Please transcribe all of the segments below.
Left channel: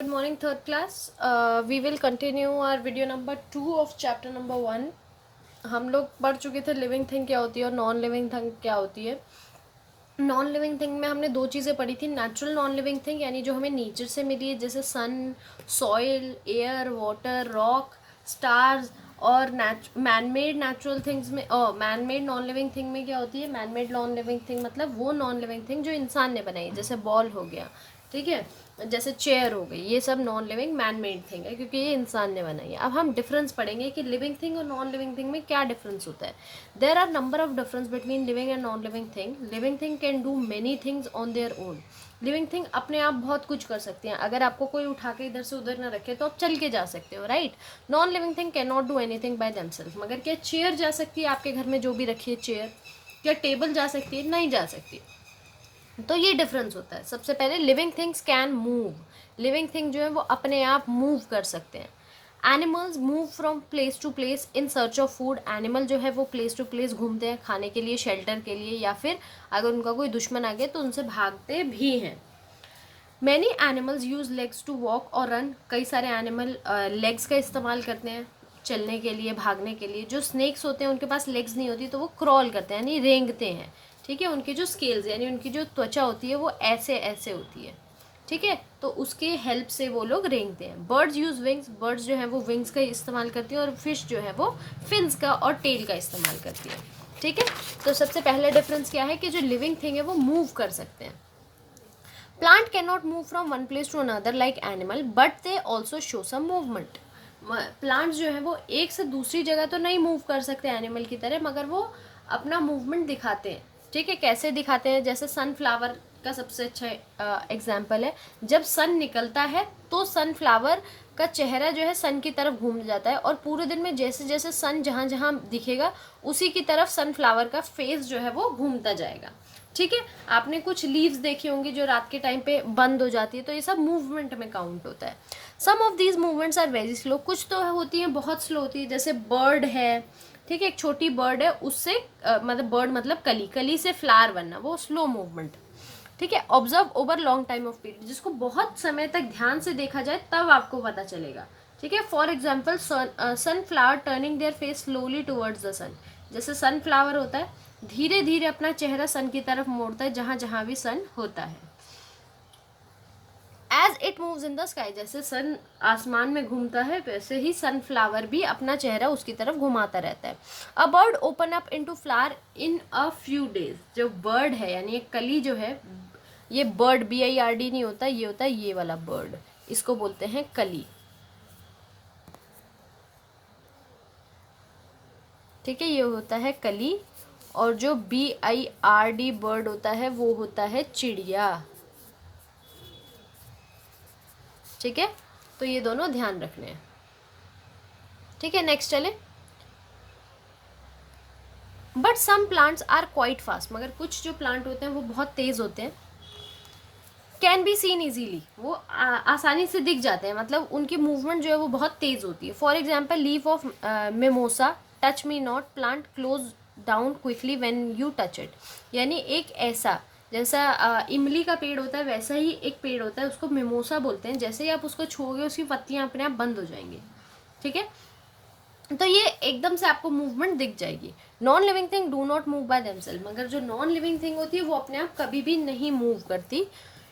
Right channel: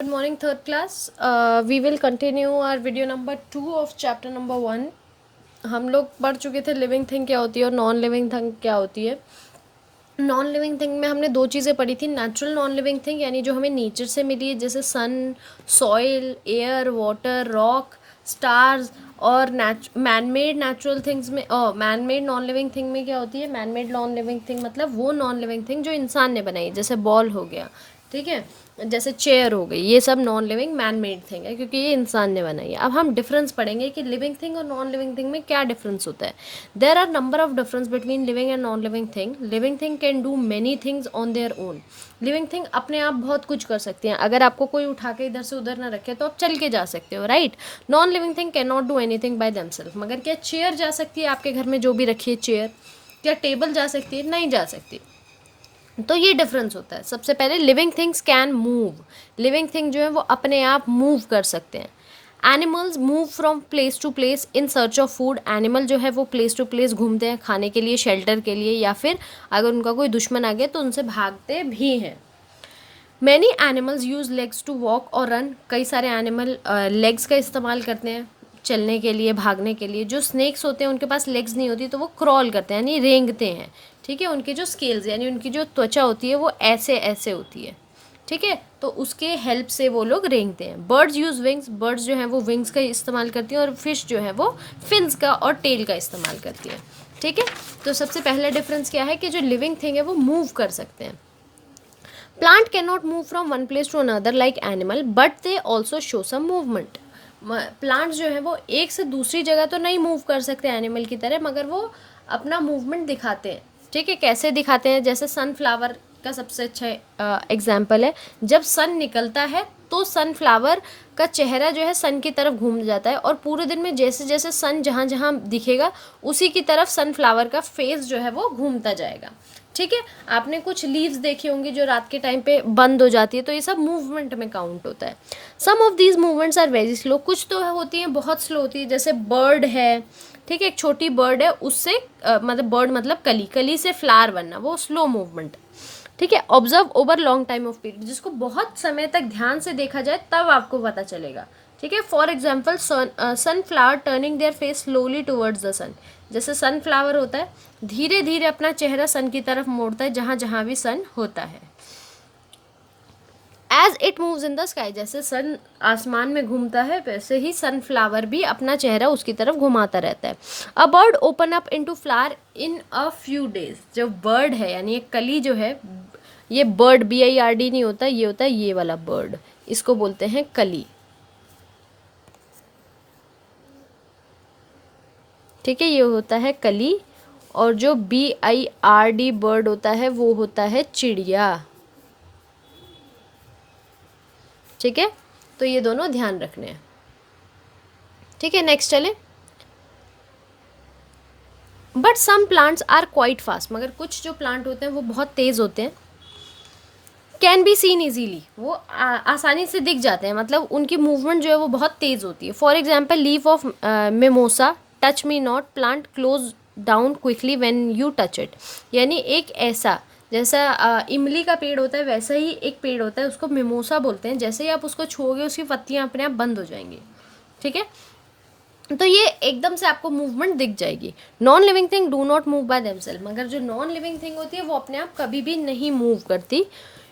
Good morning, third class. We will continue our video number 2 of chapter number 1. हम लोग पढ़ चुके थे लिविंग थिंग क्या होती है और नॉन लिविंग थिंग क्या होती है. नॉन लिविंग थिंग में हमने दो चीज़ें पढ़ी थी. नेचुरल नॉन लिविंग थिंग यानी जो हमें नेचर से मिली है, जैसे sun, soil, air, water, rock, stars. और मैन मेड नेचुरल थिंग्स में man made non living thing में क्या होती है. Man made non living thing मतलब वो नॉन लिविंग थिंग जो इंसान ने बनाई, जैसे बॉल हो गया, ठीक है, जैसे चेयर हो गई. ये सब non living man made thing है क्योंकि ये इंसान ने बनाई है. अब हम डिफरेंस पढ़ेंगे कि लिविंग थिंग और नॉन लिविंग थिंग में क्या डिफरेंस होता है. There are number of difference between living and non living thing. Living thing can do many things on their own. Living thing अपने आप बहुत कुछ कर सकती हैं. अगर आपको कोई उठा के इधर से उधर ना रखे तो आप चल के जा सकते हो, right. Non living thing can not do anything by themselves. मगर क्या चेयर जा सकती है आपके घर में जो भी रखी है चेयर? क्या टेबल जा सकती है? नहीं जा सकती. तो ये डिफरेंस होता है. सबसे पहले living things can move. Living thing जो है वो अपने आप मूव कर सकते हैं. Animals move from place to place in search of food. Animal जो है वो प्लेस टू प्लेस घूमते हैं खाने के लिए, शेल्टर के लिए, या फिर अगर उनका कोई दुश्मन आ गया तो उनसे भागते भी हैं. Many animals use legs to walk और रन. कई सारे एनिमल लेग्स का इस्तेमाल करते हैं चलने के लिए, भागने के लिए. जो स्नेक्स होते हैं उनके पास लेग्स नहीं होती तो वो क्रॉल करते हैं यानी रेंगते हैं, ठीक है. उनकी जो स्केल्स यानी उनकी जो त्वचा होती है वो ऐसे ऐसे होती है, ठीक है. तो उसके हेल्प से वो लोग रेंगते हैं. Birds use wings. बर्ड्स जो है वो विंग्स का इस्तेमाल करती हैं. और फिश जो है वो फिन्स का और टेल का इस्तेमाल करती है, ठीक है. तो सबसे पहला डिफरेंस क्या है कि जो लिविंग थिंग है वो मूव कर सकते हैं. Plant can not move from one place to another like animal but they also show some movement. Plants जो है वो एक से दूसरी जगह तो नहीं मूव कर सकते एनिमल की तरह, मगर वो अपना मूवमेंट दिखाते हैं, ठीक है. कैसे दिखाते हैं? जैसे सनफ्लावर का सबसे अच्छा एग्जाम्पल है. जब सन निकलता है तो सनफ्लावर का चेहरा जो है सन की तरफ घूम जाता है और पूरे दिन में जैसे जैसे सन जहाँ जहाँ दिखेगा उसी की तरफ सनफ्लावर का फेस जो है वो घूमता जाएगा, ठीक है. आपने कुछ लीव्स देखी होंगी जो रात के टाइम पे बंद हो जाती है, तो ये सब मूवमेंट में काउंट होता है. Some of these movements are very slow. कुछ तो होती हैं बहुत स्लो होती है. जैसे बर्ड है, ठीक है, एक छोटी बर्ड है, उससे मतलब बर्ड मतलब कली, कली से फ्लावर बनना, वो स्लो मूवमेंट, ठीक है. Observe over long time of period. जिसको बहुत समय तक ध्यान से देखा जाए तब आपको पता चलेगा, ठीक है. For example sunflower turning their face slowly towards the sun. जैसे सनफ्लावर होता है धीरे धीरे अपना चेहरा सन की तरफ मोड़ता है जहाँ जहाँ भी सन होता है. As it moves in the sky. जैसे सन आसमान में घूमता है वैसे ही सनफ्लावर भी अपना चेहरा उसकी तरफ घुमाता रहता है. A bird open up into flower in a few days. जो बर्ड है यानी एक कली जो है, ये बर्ड BIRD नहीं होता, ये होता है ये वाला बर्ड, इसको बोलते हैं कली, ठीक है. ये होता है कली. और जो BIRD बर्ड होता है वो होता है चिड़िया, ठीक है. तो ये दोनों ध्यान रखने हैं, ठीक है. नेक्स्ट चले. But some plants are quite fast. मगर कुछ जो प्लांट होते हैं वो बहुत तेज़ होते हैं. Can be seen easily. वो आसानी से दिख जाते हैं, मतलब उनकी मूवमेंट जो है वो बहुत तेज़ होती है. For example leaf of mimosa touch me not plant close down quickly when you touch it. यानी एक ऐसा, जैसा इमली का पेड़ होता है वैसा ही एक पेड़ होता है, उसको मिमोसा बोलते हैं. जैसे ही आप उसको छूओगे उसकी पत्तियाँ अपने आप बंद हो जाएंगी, ठीक है. तो ये एकदम से आपको मूवमेंट दिख जाएगी. Non living thing do not move by themselves. मगर जो नॉन लिविंग थिंग होती है वो अपने आप कभी भी नहीं मूव करती.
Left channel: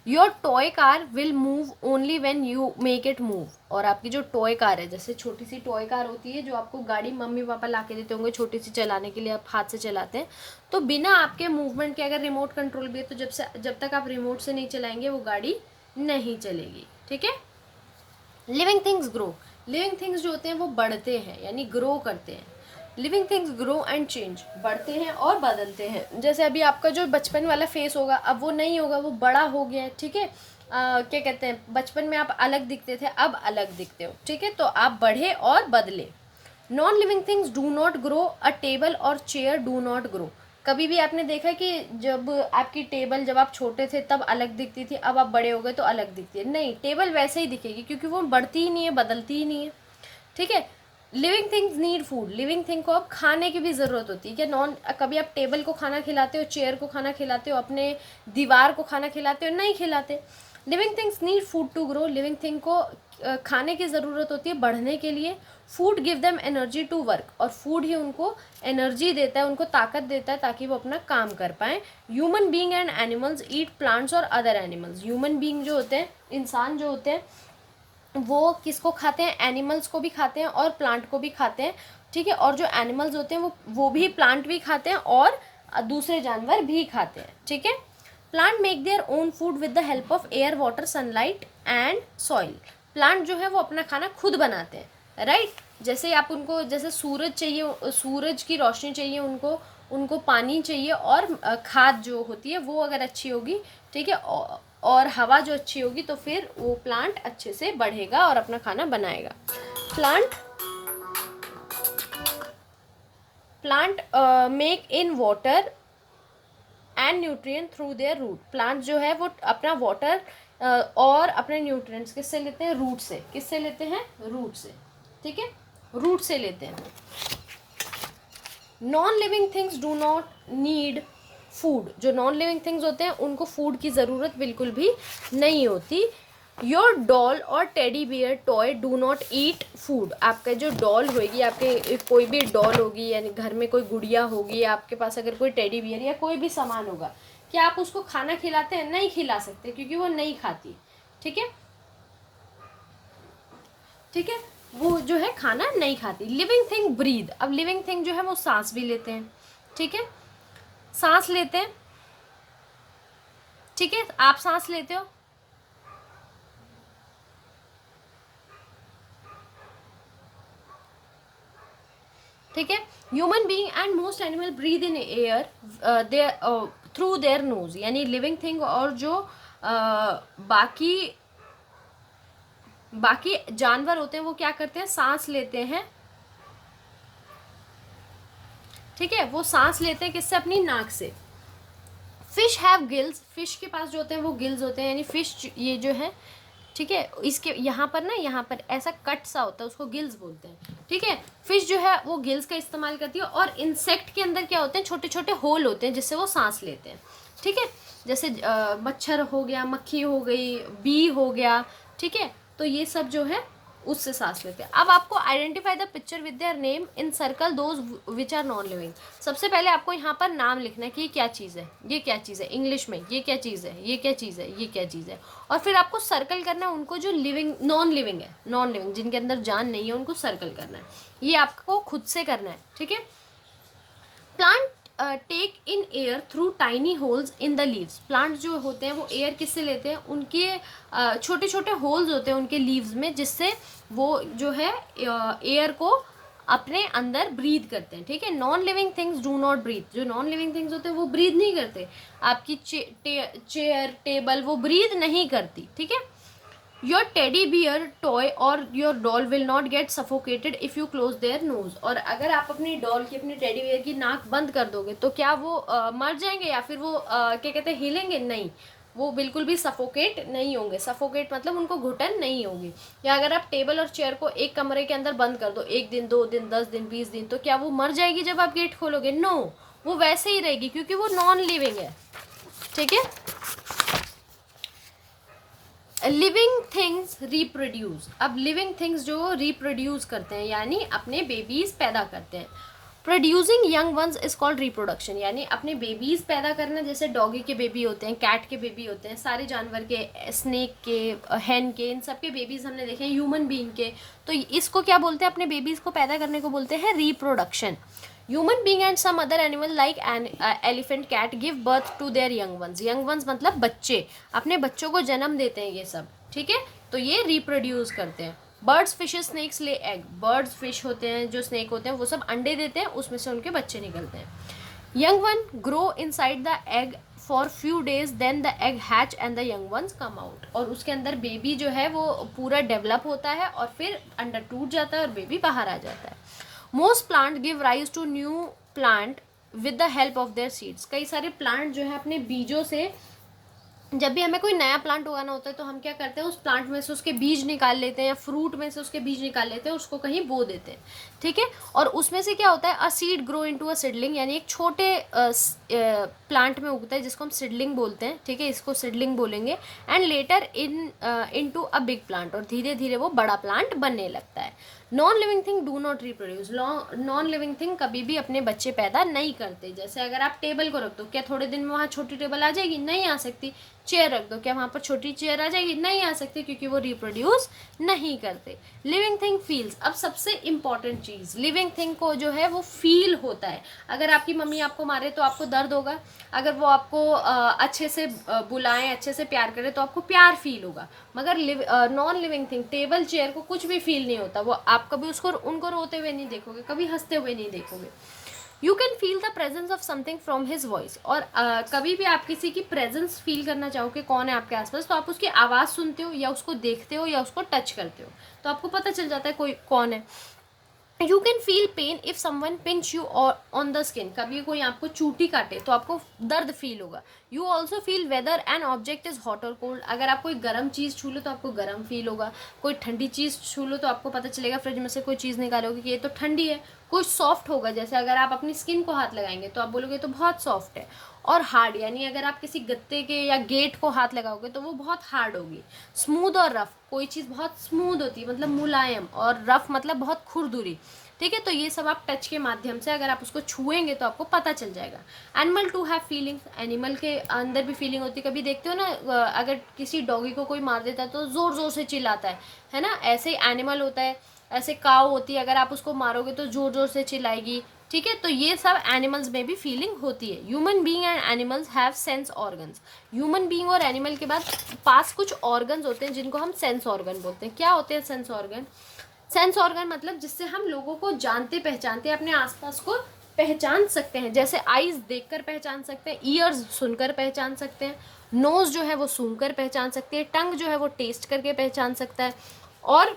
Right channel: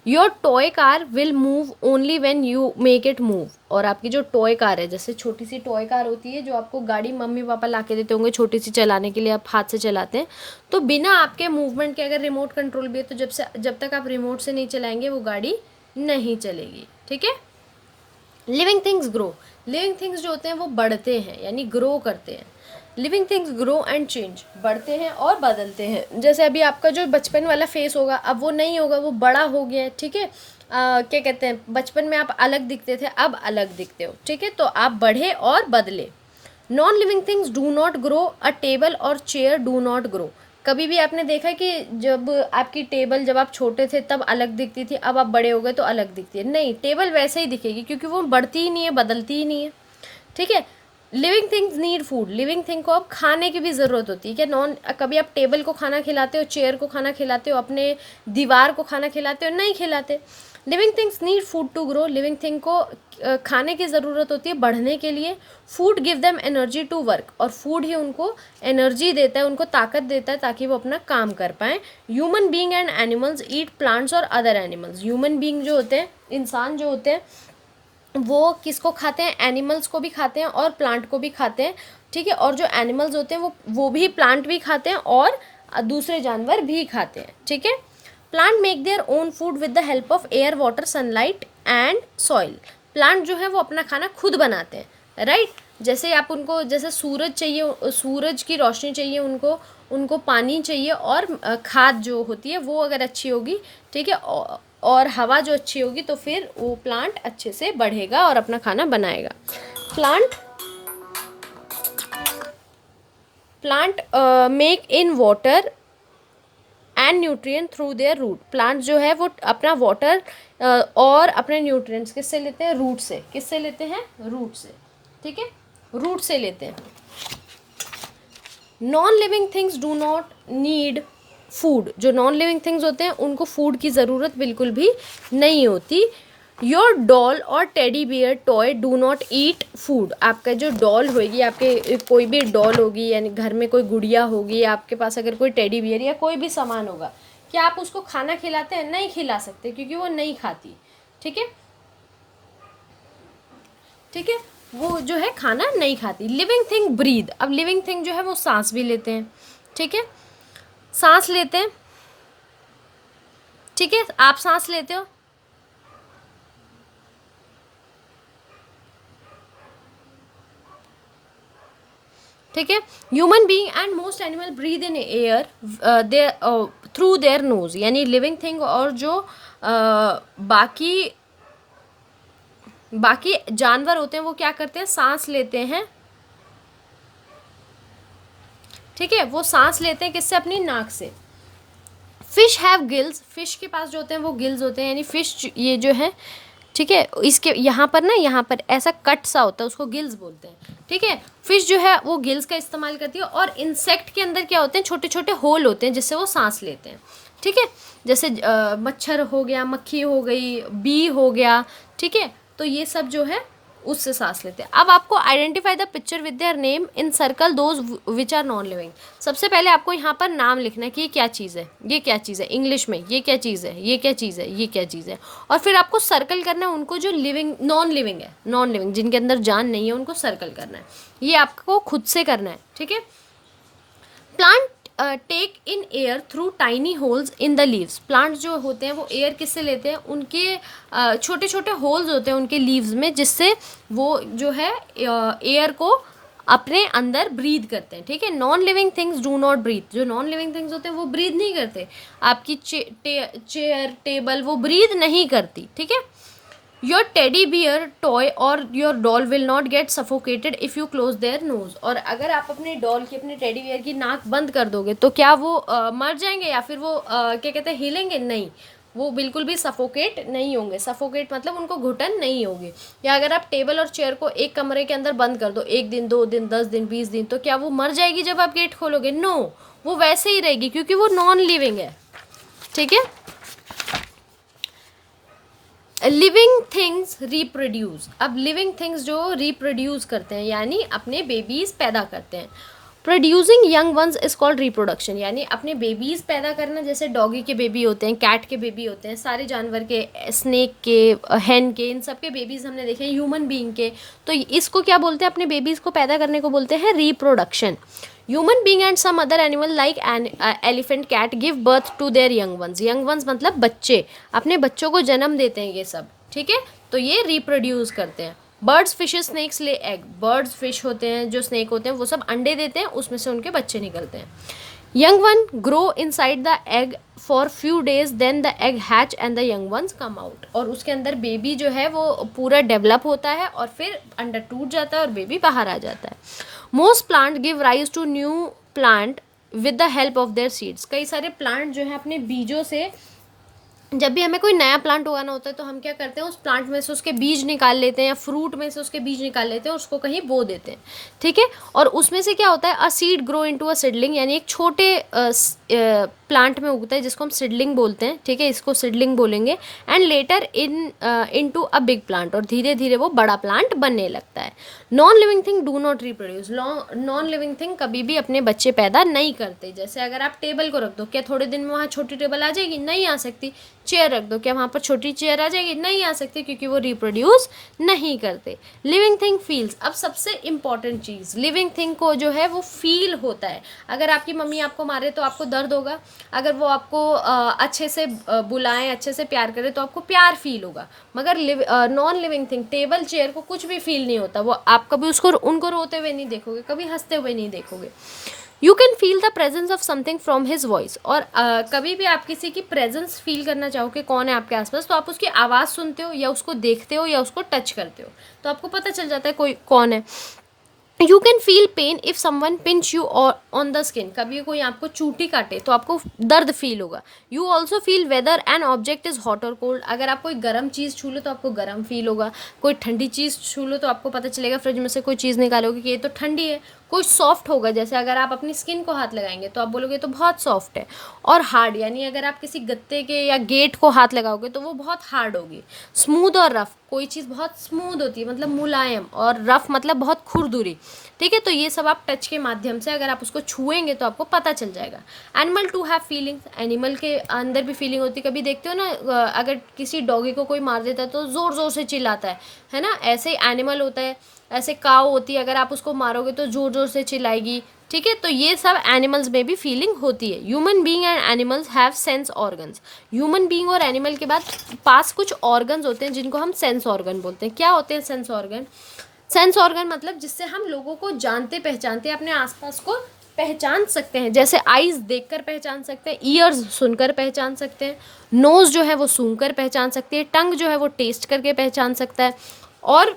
Your toy car will move only when you make it move. और आपकी जो टॉय कार है, जैसे छोटी सी टॉय कार होती है जो आपको गाड़ी मम्मी पापा ला के देते होंगे छोटी सी चलाने के लिए, आप हाथ से चलाते हैं, तो बिना आपके मूवमेंट के, अगर रिमोट कंट्रोल भी है तो जब तक आप रिमोट से नहीं चलाएंगे वो गाड़ी नहीं चलेगी, ठीक है. Living things grow. Living things जो होते हैं वो बढ़ते हैं यानी ग्रो करते हैं. Living things grow and change. बढ़ते हैं और बदलते हैं. जैसे अभी आपका जो बचपन वाला फेस होगा अब वो नहीं होगा, वो बड़ा हो गया है, ठीक है. क्या कहते हैं, बचपन में आप अलग दिखते थे अब अलग दिखते हो, ठीक है. तो आप बढ़े और बदले. Non living things do not grow. A table और चेयर डू नॉट ग्रो. कभी भी आपने देखा कि जब आपकी टेबल जब आप छोटे थे तब अलग दिखती थी, अब आप बड़े हो गए तो अलग दिखती है? नहीं, टेबल वैसे ही दिखेगी क्योंकि वो बढ़ती ही नहीं है, बदलती ही नहीं है, ठीक है. Living things need food. Living thing को अब खाने की भी ज़रूरत होती है. क्या नॉन कभी आप टेबल को खाना खिलाते हो, चेयर को खाना खिलाते हो, अपने दीवार को खाना खिलाते हो? नहीं खिलाते. Living things need food to grow, living thing को खाने की ज़रूरत होती है बढ़ने के लिए. Food give them energy to work, और फूड ही उनको एनर्जी देता है, उनको ताकत देता है ताकि वो अपना काम कर पाएँ. Human being and animals eat plants और अदर एनिमल्स. ह्यूमन बींग जो होते हैं, इंसान जो होते हैं, वो किसको खाते हैं, एनिमल्स को भी खाते हैं और प्लांट को भी खाते हैं. ठीक है, और जो एनिमल्स होते हैं वो भी प्लांट भी खाते हैं और दूसरे जानवर भी खाते हैं. ठीक है. Plant make their own food with the help of air, water, sunlight and soil. Plant जो है वो अपना खाना खुद बनाते हैं, राइट. जैसे आप उनको, जैसे सूरज चाहिए, सूरज की रोशनी चाहिए उनको पानी चाहिए, और खाद जो होती है वो अगर अच्छी होगी, ठीक है, और हवा जो अच्छी होगी, तो फिर वो प्लांट अच्छे से बढ़ेगा और अपना खाना बनाएगा. Plant make in water and nutrient through their root. Plant जो है वो अपना वाटर और अपने न्यूट्रिएंट्स किससे लेते हैं, रूट से. किससे लेते हैं, रूट से. ठीक है, रूट से लेते हैं. Non living things do not need food. जो नॉन लिविंग थिंग्स होते हैं उनको फूड की ज़रूरत बिल्कुल भी नहीं होती. योर डॉल और teddy bear toy do not eat food. आपका जो डॉल होगी, आपके कोई भी डॉल होगी, यानी घर में कोई गुड़िया होगी, आपके पास अगर कोई टेडी बियर या कोई भी सामान होगा, क्या आप उसको खाना खिलाते हैं? नहीं खिला सकते, क्योंकि वो नहीं खाती. ठीक है, ठीक है, वो जो है खाना नहीं खाती. Living thing breathe. अब लिविंग थिंग जो है वो सांस भी लेते हैं. ठीक है, सांस लेते हैं. ठीक है, आप सांस लेते हो. ठीक है. Human being and most animal breathe in air their through their nose. यानी लिविंग थिंग और जो बाकी जानवर होते हैं वो क्या करते हैं, सांस लेते हैं. ठीक है, वो सांस लेते हैं किससे, अपनी नाक से. Fish have gills. फिश के पास जो होते हैं वो गिल्स होते हैं, यानी फिश ये जो है, ठीक है, इसके यहाँ पर ना, यहाँ पर ऐसा कट सा होता है, उसको गिल्स बोलते हैं. ठीक है, फिश जो है वो गिल्स का इस्तेमाल करती है. और इंसेक्ट के अंदर क्या होते हैं, छोटे छोटे होल होते हैं जिससे वो सांस लेते हैं. ठीक है, जैसे मच्छर हो गया, मक्खी हो गई, बी हो गया. ठीक है, तो ये सब जो है उससे सांस लेते हैं. अब आपको identify the picture with their name in circle those which are non living. सबसे पहले आपको यहाँ पर नाम लिखना है कि ये क्या चीज़ है, ये क्या चीज़ है, इंग्लिश में ये क्या चीज़ है, ये क्या चीज़ है, ये क्या चीज़ है. और फिर आपको सर्कल करना है उनको जो लिविंग, नॉन लिविंग है, नॉन लिविंग जिनके अंदर जान नहीं है, उनको सर्कल करना है. ये आपको खुद से करना है. ठीक है. Plant take in air through tiny holes in the leaves. Plant जो होते हैं वो एयर किससे लेते हैं, उनके छोटे छोटे होल्स होते हैं उनके लीव्स में, जिससे वो जो है एयर को अपने अंदर ब्रीद करते हैं. ठीक है. Non living things do not breathe. जो नॉन लिविंग थिंग्स होते हैं वो ब्रीद नहीं करते. आपकी चेयर, टेबल, वो ब्रीद नहीं करती. ठीक है. योर टेडी बियर टॉय और your doll will not gate suffocated if you close their nose. और अगर आप अपनी डॉल की, अपने टेडी बियर की नाक बंद कर दोगे तो क्या वो मर जाएंगे या फिर वो क्या कहते हैं, हिलेंगे? नहीं, वो बिल्कुल भी सफोकेट नहीं होंगे. सफोकेट मतलब उनको घुटन नहीं होगी. या अगर आप टेबल और चेयर को एक कमरे के अंदर बंद कर दो 1 दिन, 2 दिन, 10 दिन, 20 दिन, तो क्या वो मर जाएगी जब आप गेट खोलोगे? नो, वो वैसे ही रहेगी, क्योंकि वो नॉन लिविंग है. ठीक है. Living things reproduce. अब लिविंग थिंग्स जो रिप्रोड्यूस करते हैं, यानी अपने बेबीज पैदा करते हैं. Producing young ones is called reproduction. यानी अपने बेबीज पैदा करना, जैसे डॉगी के बेबी होते हैं, कैट के बेबी होते हैं, सारे जानवर के, स्नेक के, हैन के, इन सब के बेबीज हमने देखे हैं, ह्यूमन बीइंग के. तो इसको क्या बोलते हैं, अपने बेबीज को पैदा करने को बोलते हैं reproduction. Human being and some other animal like elephant, cat give birth to their young ones. Young ones मतलब बच्चे, अपने बच्चों को जन्म देते हैं ये सब. ठीक है, तो ये रिप्रोड्यूस करते हैं. Birds, fishes, snakes lay egg. Birds, fish होते हैं, जो स्नेक होते हैं, वो सब अंडे देते हैं, उसमें से उनके बच्चे निकलते हैं. Young one grow inside the egg for few days, then the egg hatch and the young ones come out. और उसके अंदर बेबी जो है वो पूरा डेवलप होता है और फिर अंडा टूट जाता है और बेबी बाहर आ जाता है. Most plant give rise to new plant with the help of their seeds. कई सारे प्लांट जो है अपने बीजों से जब भी हमें कोई नया प्लांट उगाना होता है तो हम क्या करते हैं, उस प्लांट में से उसके बीज निकाल लेते हैं या फ्रूट में से उसके बीज निकाल लेते हैं, उसको कहीं बो देते हैं, ठीक है। और उसमें से क्या होता है, a seed grow into a seedling, यानी एक छोटे प्लांट में उगता है जिसको हम सीडलिंग बोलते हैं, ठीक है, इसको सीडलिंग बोलेंगे। And later into a big plant, और धीरे धीरे वो बड़ा प्लांट बनने लगता है। Non living thing do not reproduce, non living thing कभी भी अपने बच्चे पैदा नहीं करते। जैसे अगर आप टेबल को रख दो, क्या थोड़े दिन में वहाँ छोटी टेबल आ जाएगी? नहीं आ सकती। चेयर रख दो, क्या वहाँ पर छोटी चेयर आ जाएगी? नहीं आ सकती, क्योंकि वो रिप्रोड्यूस नहीं करते। लिविंग थिंग फील्स, अब सबसे इंपॉर्टेंट चीज़, लिविंग थिंग को जो है वो फील होता है। अगर आपकी मम्मी आपको मारे तो आपको दर्द होगा, अगर वो आपको अच्छे से बुलाएं, अच्छे से प्यार करें तो आपको प्यार फील होगा। मगर non living thing, table chair को कुछ भी फील नहीं होता। वो आप कभी उसको उनको रोते हुए नहीं देखोगे, कभी हंसते हुए नहीं देखोगे। You can feel the presence of something from his voice, और कभी भी आप किसी की प्रेजेंस फील करना चाहो कि कौन है आपके आसपास, तो आप उसकी आवाज़ सुनते हो या उसको देखते हो या उसको टच करते हो, तो आपको पता चल जाता है कोई कौन है। You can feel pain if someone pinch you on the skin, कभी कोई आपको चूटी काटे तो आपको दर्द फील होगा। You also feel whether an object is hot और कोल्ड, अगर आप कोई गर्म चीज़ छू लो तो आपको गर्म फील होगा, कोई ठंडी चीज़ छू लो तो आपको पता चलेगा, फ्रिज में से कोई चीज़ निकालोगे कि ये तो ठंडी है। कोई सॉफ्ट होगा, जैसे अगर आप अपनी स्किन को हाथ लगाएंगे तो आप बोलोगे तो बहुत सॉफ्ट है। और हार्ड, यानी अगर आप किसी गत्ते के या गेट को हाथ लगाओगे तो वो बहुत हार्ड होगी। स्मूथ और रफ, कोई चीज़ बहुत स्मूथ होती है मतलब मुलायम, और रफ मतलब बहुत खुरदुरी, ठीक है। तो ये सब आप टच के माध्यम से अगर आप उसको छुएंगे तो आपको पता चल जाएगा। Animal too have feelings, animal के अंदर भी फीलिंग होती है। कभी देखते हो ना, अगर किसी डॉगी को कोई मार देता है तो ज़ोर ज़ोर से चिल्लाता है ना, ऐसे ही एनिमल होता है। ऐसे काऊ होती है, अगर आप उसको मारोगे तो ज़ोर ज़ोर से चिल्लाएगी, ठीक है। तो ये सब एनिमल्स में भी फीलिंग होती है। Human being and animals have sense organs, human being और एनिमल के बाद पास कुछ ऑर्गन्स होते हैं जिनको हम सेंस ऑर्गन बोलते हैं। क्या होते हैं सेंस ऑर्गन? सेंस ऑर्गन मतलब जिससे हम लोगों को जानते पहचानते हैं, अपने आसपास को पहचान सकते हैं। जैसे आईज देखकर पहचान सकते हैं, ईयर्स सुनकर पहचान सकते हैं, नोज जो है वो सूंघकर पहचान सकती है, टंग जो है वो टेस्ट करके पहचान सकता है, और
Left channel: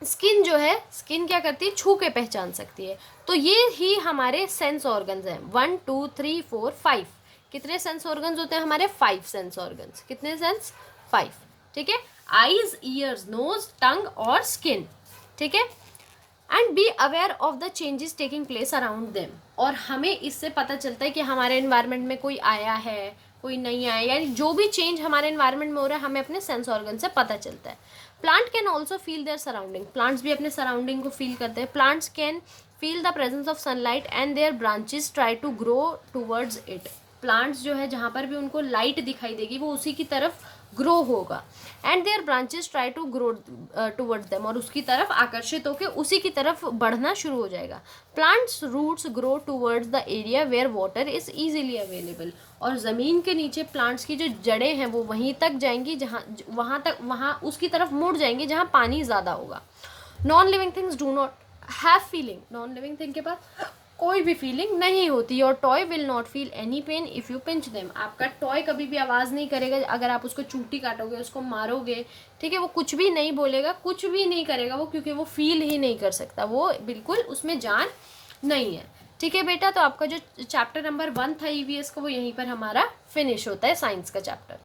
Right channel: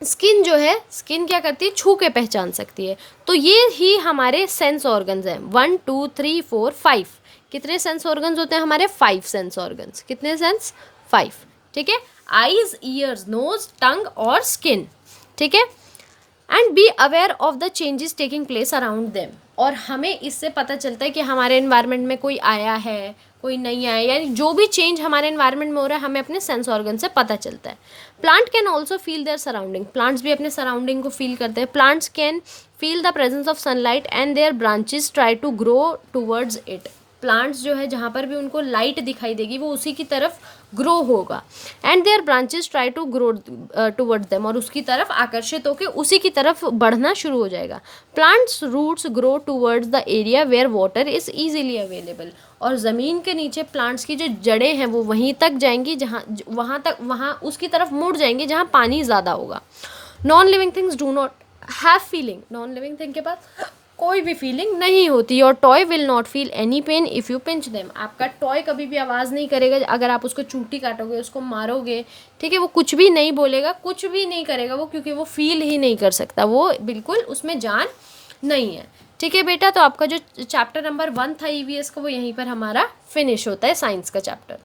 स्किन जो है, स्किन क्या करती है, छू के पहचान सकती है। तो ये ही हमारे सेंस ऑर्गन्स हैं। 1 2 3 4 5, कितने सेंस ऑर्गन्स होते हैं हमारे? 5 सेंस ऑर्गन्स। कितने सेंस? 5, ठीक है। आईज, ईयर्स, नोज, टंग और स्किन, ठीक है। And be aware of the changes taking place around them, और हमें इससे पता चलता है कि हमारे एनवायरनमेंट में कोई आया है, कोई नहीं आया, यानी जो भी चेंज हमारे एनवायरनमेंट में हो रहा है हमें अपने सेंस ऑर्गन से पता चलता है। Plant can also feel their surrounding, plants भी अपने सराउंडिंग को फील करते हैं। Plants can feel the presence of sunlight and their branches try to grow towards it, plants जो है जहाँ पर भी उनको लाइट दिखाई देगी वो उसी की तरफ ग्रो होगा। And their branches try to grow towards them, और उसकी तरफ आकर्षित होकर उसी की तरफ बढ़ना शुरू हो जाएगा। Plants roots grow towards the area where water is easily available, और ज़मीन के नीचे प्लांट्स की जो जड़ें हैं वो वहीं तक जाएंगी जहाँ वहाँ उसकी तरफ मुड़ जाएंगी जहाँ पानी ज़्यादा होगा। Non living things do not have feeling, non living thing के पास कोई भी फीलिंग नहीं होती। Your toy will not feel any pain if you pinch them, आपका टॉय कभी भी आवाज़ नहीं करेगा अगर आप उसको चूटी काटोगे, उसको मारोगे, ठीक है। वो कुछ भी नहीं बोलेगा, कुछ भी नहीं करेगा वो, क्योंकि वो फील ही नहीं कर सकता, वो बिल्कुल उसमें जान नहीं है, ठीक है बेटा। तो आपका जो चैप्टर नंबर 1 था ईवीएस का वो यहीं पर हमारा फिनिश होता है, साइंस का चैप्टर।